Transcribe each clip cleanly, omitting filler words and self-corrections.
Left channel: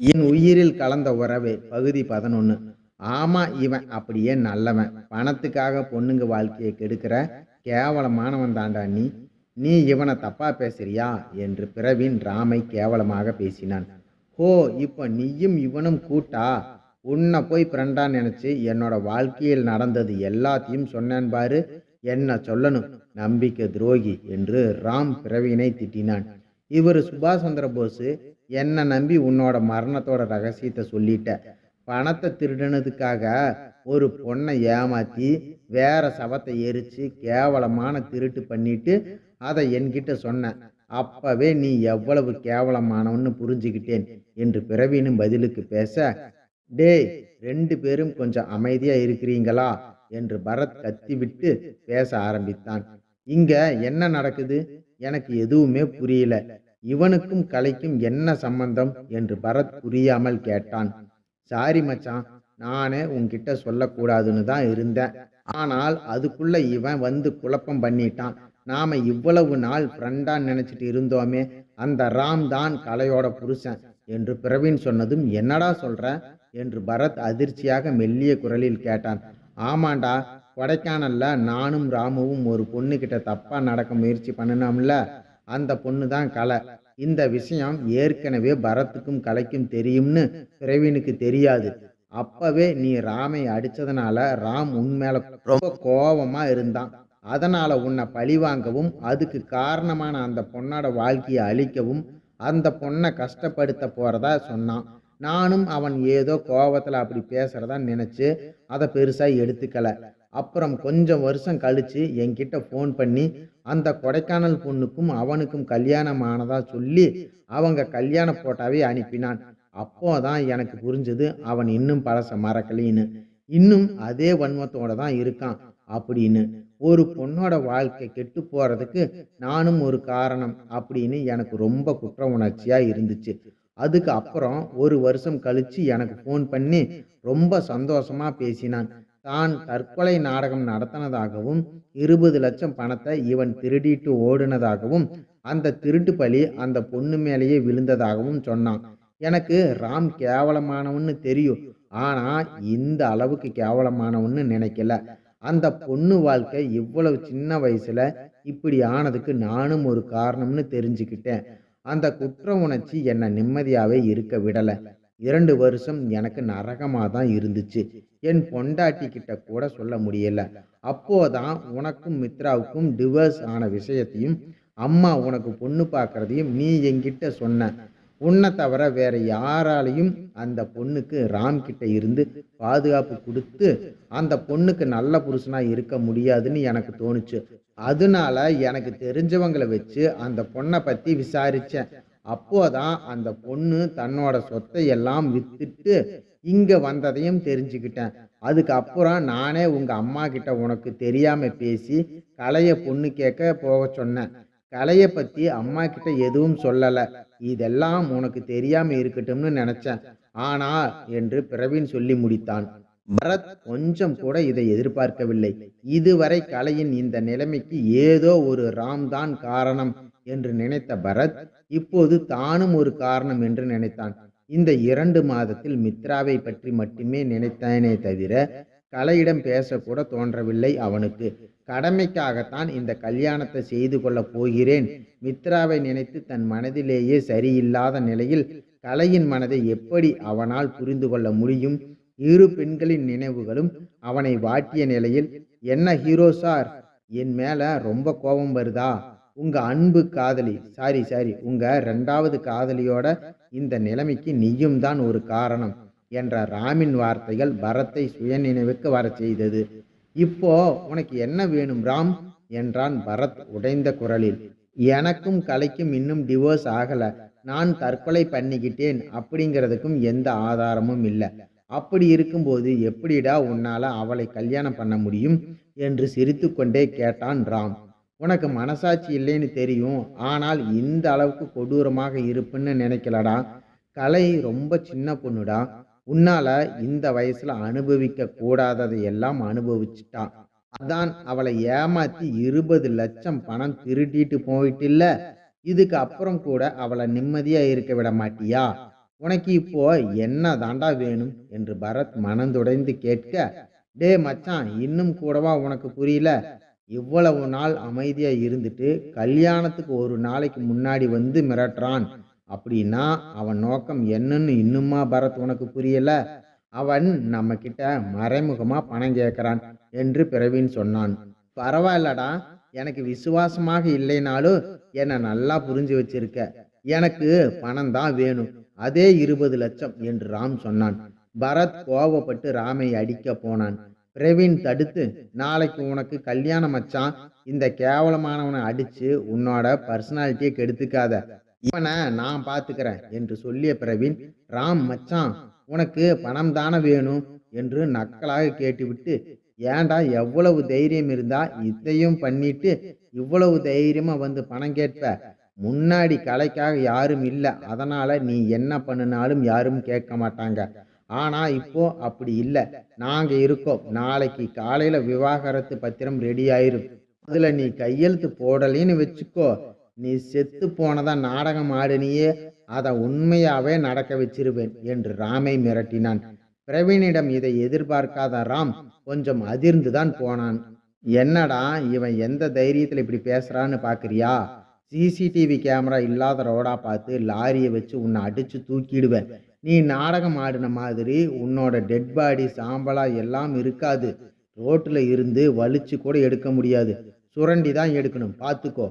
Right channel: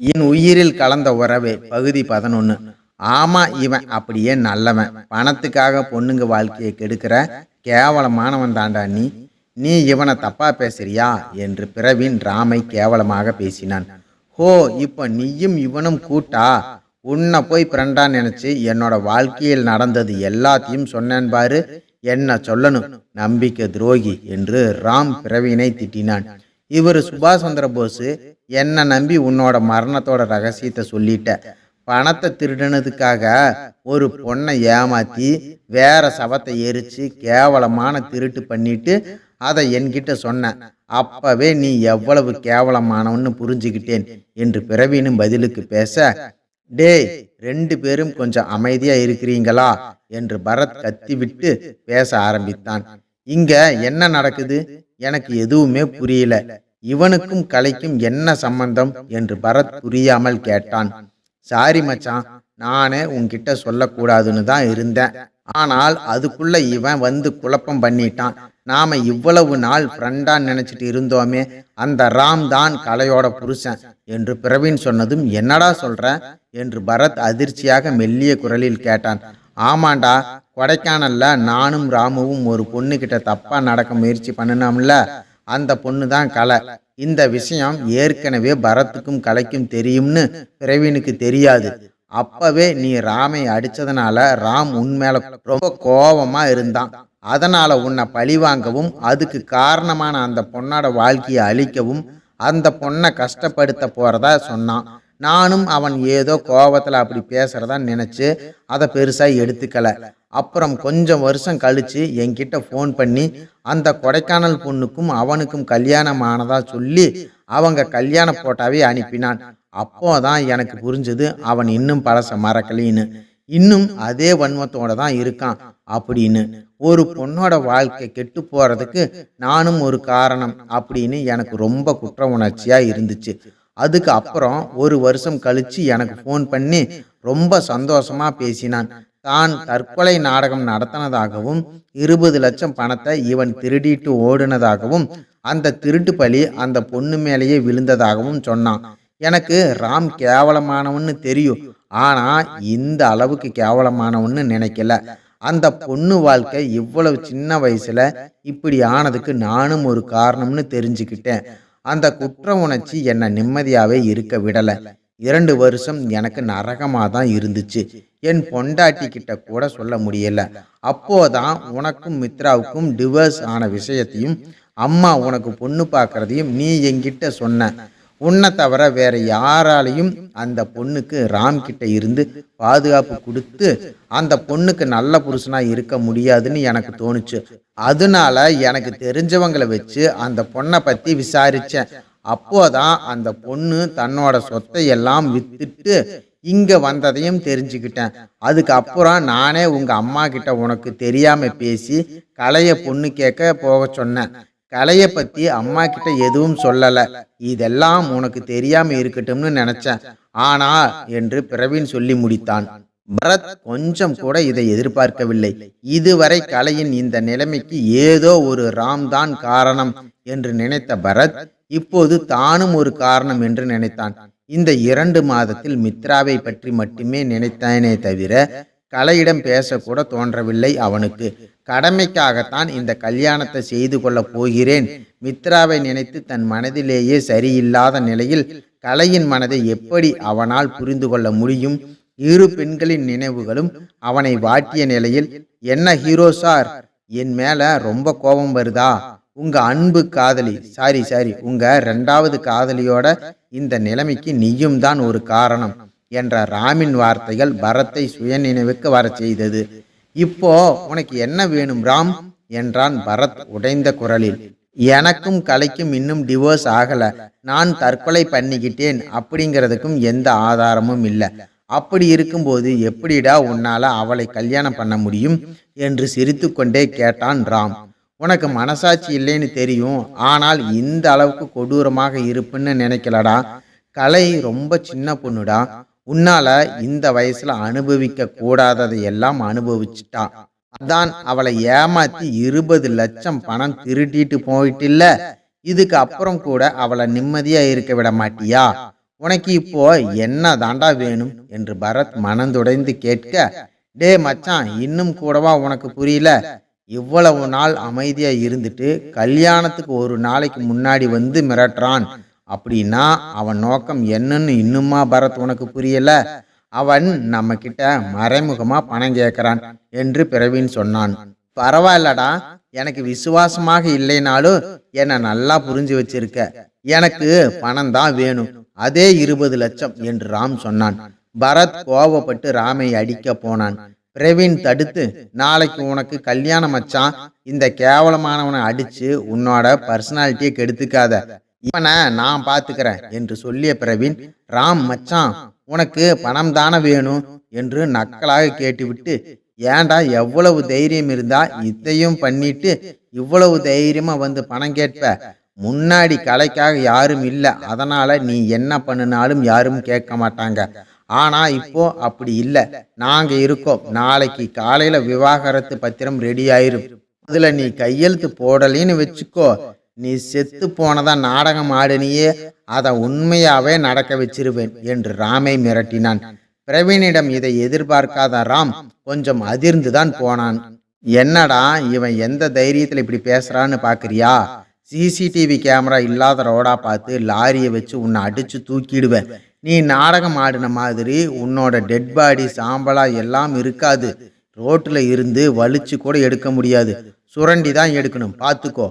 என் உயிரில் கலந்த உறவே பகுதி 11. ஆமா, இவன் அப்படியே நல்லவன். பணத்துக்காக பொண்ணுங்க வாழ்க்கையை கெடுக்கிற கேவலமானவன் தாண்டா நீ. நீ இவனை தப்பா பேசுறியா என்று பிரவீன் ராமை கேவலமாக பேசினான். ஹோ, இப்ப நீயும் இவனும் கூட்டா? உன்னை போய் ஃப்ரெண்டா நினைச்சு என்னோட வாழ்க்கையில் நடந்தது எல்லாத்தையும் சொன்னேன் பாரு. என்ன சொல்லணும், நம்பிக்கை துரோகி என்று ராம் பிரவீனை திட்டினான். இவர் சுபாஷ் சந்திர போஸ். என்னை நம்பி உன்னோட மரணத்தோட ரகசியத்தை சொல்லிட்ட. பணத்தை திருடினதுக்காக ஒரு பொண்ணை ஏமாத்தி வேற சவத்தை எரிச்சு கேவலமான திருட்டு பண்ணிட்டு அதை என்கிட்ட சொன்ன. அப்பவே நீ எவ்வளவு கேவலமானவன்னு புரிஞ்சுக்கிட்டேன் என்று பிரவீனும் பதிலுக்கு பேச, டேய், 2 பேரும் கொஞ்சம் அமைதியா இருக்கிறீங்களா என்று பரத் கத்திவிட்டு பேச ஆரம்பித்தான். இங்க என்ன நடக்குது? எனக்கு எதுவுமே புரியல. இவனுக்கும் கலைக்கும் என்ன சம்பந்தம் என்று பரத் புரியாமல் கேட்டான். சாரி மச்சான், நானே உன்கிட்ட சொல்லக்கூடாதுன்னு தான் இருந்தேன். ஆனால் அதுக்குள்ள இவன் வந்து குழப்பம் பண்ணிட்டான். நாம இவ்வளவு நாள் ஃப்ரெண்டா நினைச்சிட்டு இருந்தோமே, அந்த ராம் தான் கலையோட புருஷன் என்று பிரவீன் சொன்னதும், என்னடா சொல்ற என்று பரத் அதிர்ச்சியாக மெல்லிய குரலில் கேட்டான். ஆமாண்டா, கொடைக்கானல்ல நானும் ராமுவும் ஒரு பொண்ணு கிட்ட தப்பா நடக்க முயற்சி பண்ணினோம்ல, அந்த பொண்ணு தான் கலை. இந்த விஷயம் ஏற்கனவே பரத்துக்கும் கலைக்கும் தெரியும்னு பிரவீனுக்கு தெரியாது. அப்பவே நீ ராமை அடிச்சதுனால ராம் உன்மேல ரொம்ப கோபமா இருந்தான். அதனால உன்னை பழிவாங்கவும் அதுக்கு காரணமான அந்த பொண்ணோட வாழ்க்கையை அழிக்கவும் அந்த பொண்ணை கஷ்டப்படுத்த போறதா சொன்னான். நானும் அவன் ஏதோ கோபத்தில் அப்படி பேசுறதா நினைச்சு அதை பெருசா எடுத்துக்கல. அப்புறம் கொஞ்சம் வருஷம் கழிச்சு என்கிட்ட ஃபோன் பண்ணி அந்த கொடைக்கானல் பொண்ணுக்கும் அவனுக்கும் கல்யாணம் ஆனதா சொல்லி அவங்க கல்யாண போட்டாவே அனுப்பினான். அப்போதான் எனக்கு புரிஞ்சது அவன் இன்னும் பழச மறக்கலின்னு, இன்னும் அதே வன்மத்தோட தான் இருக்கான் அப்படின்னு. ஒரு பொண்ணோட வாழ்க்கை கெட்டு போறதுக்கு நானும் ஒரு காரணம் அப்படின்னு எனக்கு ரொம்ப குற்ற உணர்ச்சியா இருந்துச்சு. அதுக்கு அப்புறம் ஒரு வருஷம் கழிச்சு எனக்கு ஃபோன் பண்ணி ரொம்ப சந்தோஷமா பேசினான். தான் தற்கொலை நாடகம் நடத்தினதாகவும் 20 லட்சம் பணத்தை இவன் திருடிட்டு ஓடுனதாகவும் அந்த திருட்டு பழி அந்த பொண்ணு மேலேயே விழுந்ததாகவும் சொன்னான். எனக்கு ராம் கேவலமானவன்னு தெரியும், ஆனா இந்த அளவுக்கு கேவலமானவன்னு நினைக்கல. அந்த பொண்ணு வாழ்க்கை இவ்வளவு சின்ன வயசுல இப்படி ஆனதுக்கு நானும் ஒரு காரணம்னு தெரிஞ்சுக்கிட்டேன். அந்த குற்ற உணர்ச்சி என்னை நிம்மதியாவே இருக்க விடல. 2 வருஷம் எனக்கு நரகமாக தான் இருந்துச்சு. என் பொண்டாட்டி கிட்ட கூட சொல்ல முடியல. அப்போதான் உனக்கும் மித்ராவுக்கும் டிவோர்ஸ் ஆன விஷயத்தையும் அம்மா உனக்கு பொண்ணு பார்க்கறதையும் நீ என்கிட்ட சொன்ன. உன்னை தவிர வேற யாராலையும் அந்த பொண்ணுக்கு ராம் கிட்ட இருந்து பாதுகாப்பு கொடுத்து அந்த பொண்ணுக்கு நல்ல புருஷனா இருக்க முடியாதுன்னு எனக்கு தோணுச்சு. அதனால எனக்கு தெரிஞ்சவங்களை வச்சு அந்த பொண்ணை பத்தி விசாரிச்சேன். அப்போதான் அந்த பொண்ணு தன்னோட சொத்தை எல்லாம் வித்துட்டு இங்க வந்ததையும் தெரிஞ்சுக்கிட்டேன். அதுக்கப்புறம் நானே உங்க அம்மா கிட்ட உனக்கு தெரியாம பேசி கலைய பொண்ணு கேட்க போக சொன்னேன். கலையை பத்தி அம்மா கிட்ட எதுவும் சொல்லல. இதெல்லாம் உனக்கு தெரியாம இருக்கட்டும்னு நினைச்சேன். ஆனா என்று பிரவீன் சொல்லி முடித்தான். பரத் கொஞ்சம் கூட இதை எதிர்பார்க்கவில்லை. இதுவரை கலையின் இந்த நிலைமைக்கு ஏதோ ஒரு ராம் தான் காரணம் என்று நினைத்த பரத் இப்போது தானும் ஒரு காரணம் என்று நினைத்தான். இந்த 2 மாதத்தில் மித்ராவை பற்றி மட்டுமே நினைத்தானே தவிர கலையிடம் பேசக்கூட தோன்றவில்லை அவனுக்கு. கடமைக்காகத்தான் இந்த கல்யாணத்தை செய்து கொள்ளப் போகிறேன். மித்ராவை நினைத்து தன் மனதிலேயே சரியில்லாத நிலையில் கலையின் மனதை எப்படி அவனால் புரிந்து கொள்ள முடியும்? இரு பெண்களின் நினைவுகளும் அவனை வாட்டிய நிலையில், என்ன ஹீரோ சார், என் மேல ரொம்ப கோபம் வருதா? உங்க அன்பு காதலி, சாரி உங்க 2வது காதலியோட இந்த நிலைமைக்கு நீயும் தான் ஒரு காரணம் என்ற ராமின் வார்த்தைகள் பரத்தை சுய நினைவுக்கு வர செய்தது. இப்போ உனக்கு என்ன வேணும் ராம் என்றான் பரத் உடைந்த குரலில். எனக்கும் கலைக்கும் இன்னும் டிவோர்ஸ் ஆகல. நான் தற்கொலை பண்ணிக்கிட்டேன் அப்படிங்கிறதுக்கும் எந்த ஆதாரமும் இல்லை. அப்படி இருக்கும்போது எப்படிடா உன்னால அவளை கல்யாணம் பண்ண முடியும் என்று சிரித்து கொண்டே கேட்டான் ராம். உனக்கு மனசாட்சி இல்லைன்னு தெரியும், ஆனால் இந்த அளவுக்கு கொடூரமாக இருப்புன்னு நினைக்கலடா. கலை ரொம்ப சின்ன பொண்ணுடா. உன்னால இந்த வயசுல அனுபவிக்க கூடாததை எல்லாம் அனுபவிச்சுட்டா. அதான் அவளை ஏமாத்தி 20 லட்சம் பணம் திருட்டிட்டு போயிட்டில்ல. இதுக்கு அப்புறம் கூட அவளை நிம்மதியா இருக்க விட மாட்டியா? உனக்கு இப்போ என்ன தாண்டா வேணும் என்று பரத் மனந்துடைந்து கேட்க, டே மச்சான், இன்னும் கூடவா உனக்கு புரியல? இவ்வளவு நாள் அமைதியா இருந்துட்டு கல்யாணத்துக்கு ஒரு நாளைக்கு முன்னாடி வந்து மிரட்டுறான் அப்படின்னா அவன் நோக்கம் என்னன்னு இன்னுமா பரத் உனக்கு புரியல? அவன் நம்ம கிட்ட மறைமுகமா பணம் கேட்கிறான் என்று பிரவீன் சொன்னான். பரவாயில்லடா, எனக்கு விசுவாசமாக இல்லைனாலும் என்னை நல்லா புரிஞ்சு வச்சிருக்க. எனக்கு பணம் தான் வேணும், அதே 20 லட்சம் என்று ராம் சொன்னான். பரத் கோவப்பட்டு ராமை அடிக்க போனான். பிரவீன் தடுத்து, நாளைக்கு உனக்கு கல்யாணம் மச்சான், இந்த கேவலமானவனை அடிச்சு உன்னோட பர்சனாலிட்டியை கெடுத்துக்காத, இவனை நான் பாத்துக்கிறேன் என்று சொல்லிய பிரவீன், ராம் மச்சான், உனக்கு பணம் தானே வேணும் என்று நக்கலாக கேட்டுவிட்டு, ஏண்டா, எவ்வளவு தைரியம் இருந்தா இதையும் பண்ணிட்டு இவ்வளவு தைரியமா வந்து பணம் கேட்ப? முன்னாடி கலைக்காக யாரும் இல்லை, அதனால நீ என்ன பண்ணினாலும் யாரும் கேட்க மாட்டாங்க. ஆனா இப்போ அப்படி இல்லை, நாங்க இருக்கோம். நாளைக்கு காலையில விவாகரத்து பத்திரம் ரெடி ஆயிரும். அதுல நீ கையெழுத்து போடலின்னு வச்சுக்கோ, நீ செத்து போனதா நாடகம் ஆடினியே, அதை உண்மையாவே நடக்க வச்சிருவேன் என்று ராமை மிரட்டினான். பிரவீனிடம் இதை எதிர்பார்க்காத ராம் கொஞ்சம் அதிர்ந்துதான் போனான். என்னடா இவன் எந்த தைரியத்தில் இப்படி பேசுறான்னு பாக்குறியா? சிசிடிவி கேமரா இல்லாத ரோடா பார்த்து லாரியை வச்சு உன்னை அடிச்சு தூக்கிடுவேன். நீ நாடகம் ஆடின மாதிரி உன்னோட டெட் பாடி சாம்பலா எல்லாம் இருக்காது. ரோட்டில் இருந்து வலிச்சு கூட எடுக்க முடியாது, சுரண்டி தான் எடுக்கணும், பார்த்துக்கோ.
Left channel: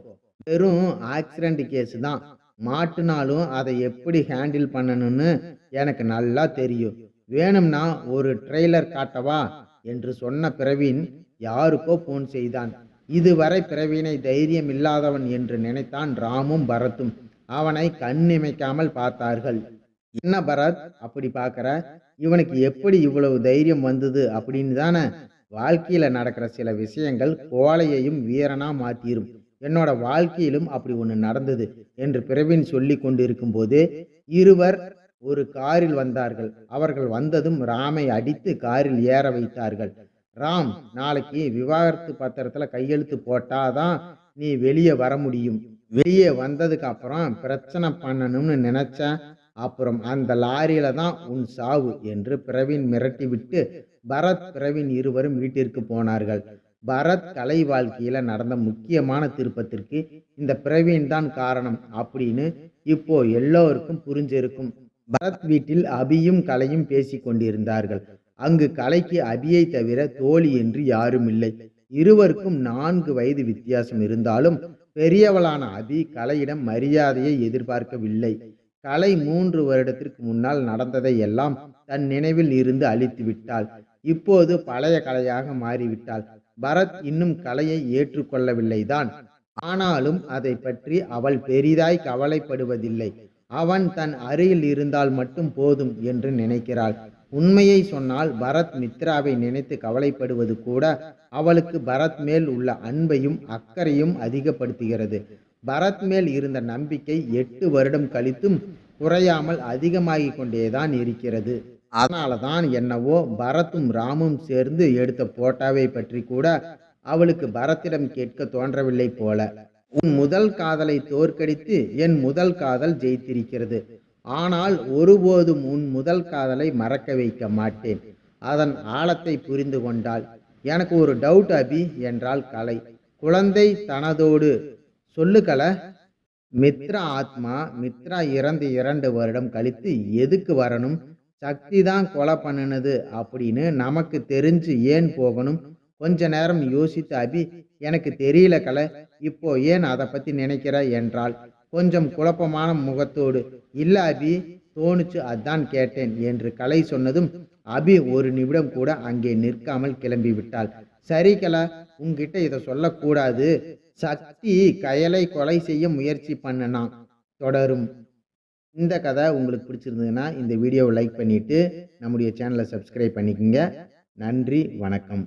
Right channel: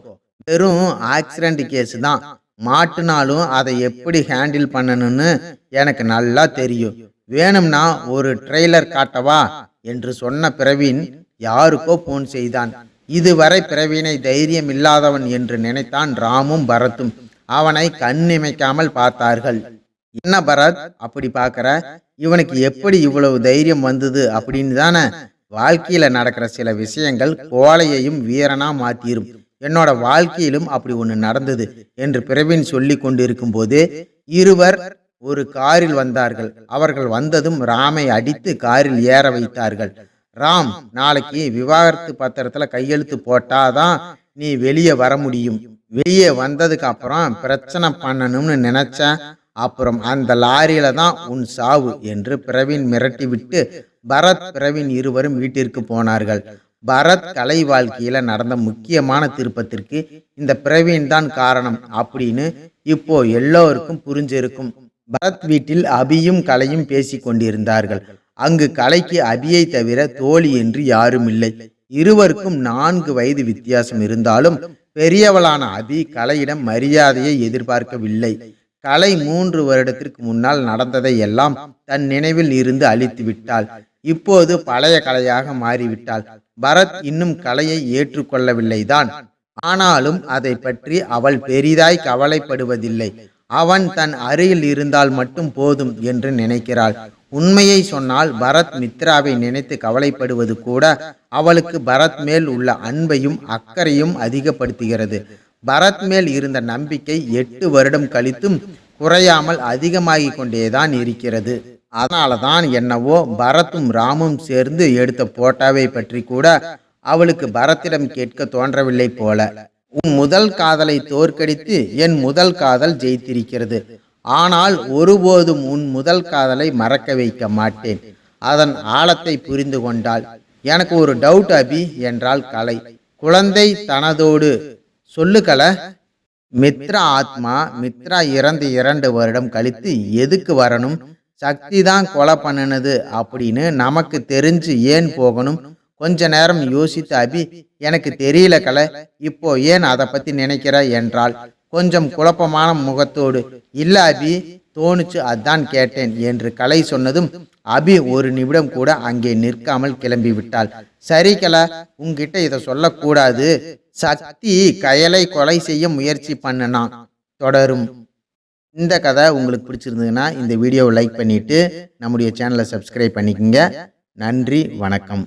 வெறும் ஆக்சிடென்ட் கேஸ் தான், மாட்டுனாலும் அதை எப்படி ஹேண்டில் பண்ணணும்னு எனக்கு நல்லா தெரியும். வேணும்னா ஒரு ட்ரெய்லர் காட்டவா என்று சொன்ன பிரவீன் யாருக்கோ போன் செய்தான். இதுவரை பிரவீனை தைரியம் இல்லாதவன் என்று நினைத்தான் ராமும் பரத்தும். அவனை கண்ணிமைக்காமல் பார்த்தார்கள். என்ன பரத் அப்படி பார்க்கற? இவனுக்கு எப்படி இவ்வளவு தைரியம் வந்தது அப்படின்னு தானே? வாழ்க்கையில நடக்கிற சில விஷயங்கள் கோழையையும் வீரனா மாத்திரும். என்னோட வாழ்க்கையிலும் அப்படி ஒன்று நடந்தது என்று பிரவீன் சொல்லி கொண்டிருக்கும் போது இருவர் ஒரு காரில் வந்தார்கள். அவர்கள் வந்ததும் ராமை அடித்து காரில் ஏற வைத்தார்கள். ராம், நாளைக்கு விவாகரத்து பத்திரத்துல கையெழுத்து போட்டாதான் நீ வெளியே வர முடியும். வெளியே வந்ததுக்கு அப்புறம் பிரச்சனை பண்ணணும்னு நினைச்ச, அப்புறம் அந்த லாரியில தான் உன் சாவு என்று பிரவீன் மிரட்டி விட்டு பரத் பிரவீன் இருவரும் வீட்டிற்கு போனார்கள். பரத் கலை வாழ்க்கையில நடந்த முக்கியமான திருப்பத்திற்கு இந்த பிரவீன் தான் காரணம் அப்படின்னு இப்போ எல்லோருக்கும் புரிஞ்சிருக்கும். பரத் வீட்டில் அபியும் கலையும் பேசி கொண்டிருந்தார்கள். அங்கு கலைக்கு அபியை தவிர தோழி என்று யாரும் இல்லை. இருவருக்கும் 4 வயது வித்தியாசம் இருந்தாலும் பெரியவளான அபி கலையிடம் மரியாதையை எதிர்பார்க்கவில்லை. கலை 3 வருடத்திற்கு முன்னால் நடந்ததை எல்லாம் தன் நினைவில் இருந்து அழித்து விட்டாள். இப்போது பழைய கலையாக மாறிவிட்டாள். பரத் இன்னும் கலையை ஏற்றுக்கொள்ளவில்லைதான். ஆனாலும் அதை பற்றி அவள் பெரிதாய் கவலைப்படுவதில்லை. அவன் தன் அருகில் இருந்தால் மட்டும் போதும் என்று நினைக்கிறாள். உண்மையை சொன்னால் பரத் மித்ராவை நினைத்து கவலைப்படுவது கூட அவளுக்கு பரத் மேல் உள்ள அன்பையும் அக்கறையும் அதிகப்படுத்துகிறது. பரத் மேல் இருந்த நம்பிக்கை 8 வருடம் கழித்தும் குறையாமல் அதிகமாகி கொண்டேதான் இருக்கிறது. அதனாலதான் என்னவோ பரத்தும் ராமும் சேர்ந்து எடுத்த போட்டாவை பற்றி கூட அவளுக்கு பரத்திடம் கேட்க தோன்றவில்லை போல. உன் முதல் காதலை தோற்கடித்து என் முதல் காதல் ஜெயித்திருக்கிறது. ஆனால் ஒருபோதும் உன் முதல் காதலை மறக்க வைக்க மாட்டேன். அதன் ஆழத்தை புரிந்து கொண்டாள். எனக்கு ஒரு டவுட் அபி என்றாள் கலை குழந்தை தனதோடு. சொல்லு கலை. மித்ரா ஆத்மா, மித்ரா இறந்து 2 வருடம் கழித்து எதுக்கு வரணும்? சக்தி தான் கொலை பண்ணினது அப்படின்னு நமக்கு தெரிஞ்சு ஏன் போகணும்? கொஞ்ச நேரம் யோசித்து அபி, எனக்கு தெரியல கலை, இப்போ ஏன் அதை பத்தி நினைக்கிற என்றாள் கொஞ்சம் குழப்பமான முகத்தோடு. இல்ல அபி, தோணுச்சு, அதான் கேட்டேன் என்று கலை சொன்னதும் அபி ஒரு நிமிடம் கூட அங்கே நிற்காமல் கிளம்பி விட்டாள். சரி கலை, உங்ககிட்ட இதை சொல்லக்கூடாது. சக்தி கயலை கொலை செய்ய முயற்சி பண்ணனா. தொடரும். இந்த கதை உங்களுக்கு பிடிச்சிருந்ததுன்னா இந்த வீடியோவை லைக் பண்ணிட்டு நம்முடைய சேனலை சப்ஸ்கிரைப் பண்ணிக்கோங்க. நன்றி, வணக்கம்.